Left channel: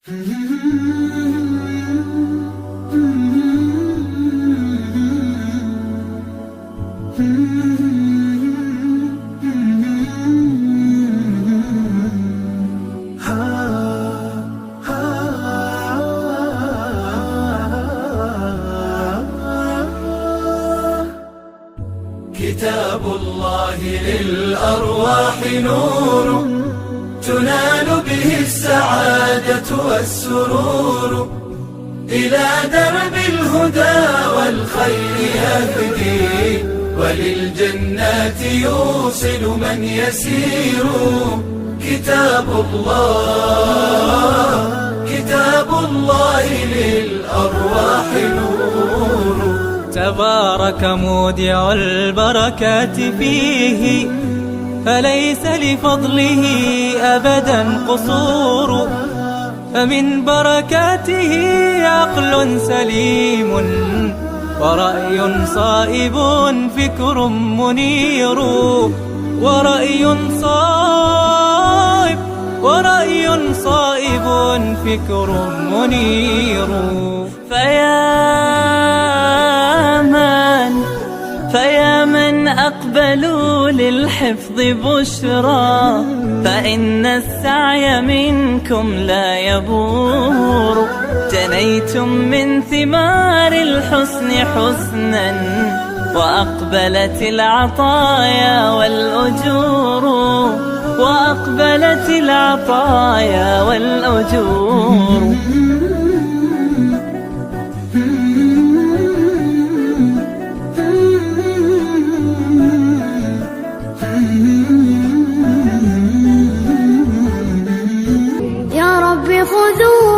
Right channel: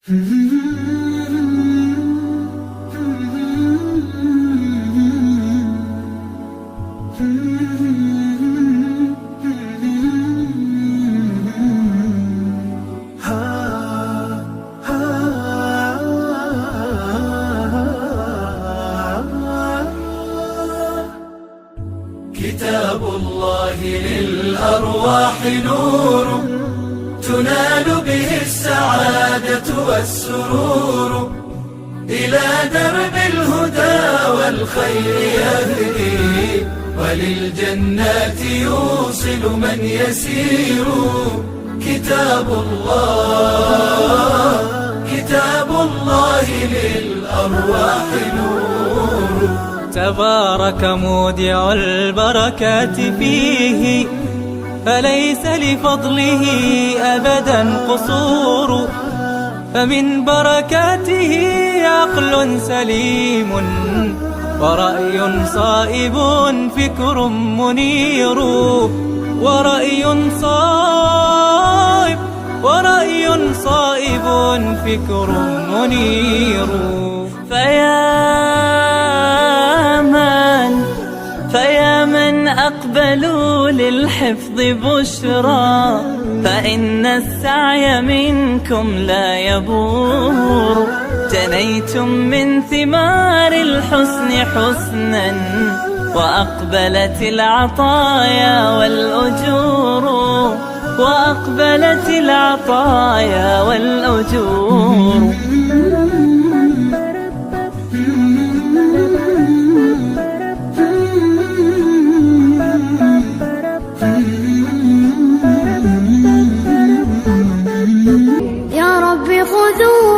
كتاب الله للأرواح نور تنال به السعادة والسرور، إلى درب الهدى والخير يهدي، وللجنات يوصل من يسير. كتاب الله للأرواح نور. تبارك مودع البركات فيه، فليس لفضله أبدا قصور. فمن بركاته عقل سليم، ورأي صائب فكر منير. ورأي صائب فكر منير. فيا من أقبلوا للحفظ بشرى، فإن السعي منكم لا يبور. جنيتم من ثمار الحسن حسنا، وأقبلت العطايا والأجور. يا رب خذوا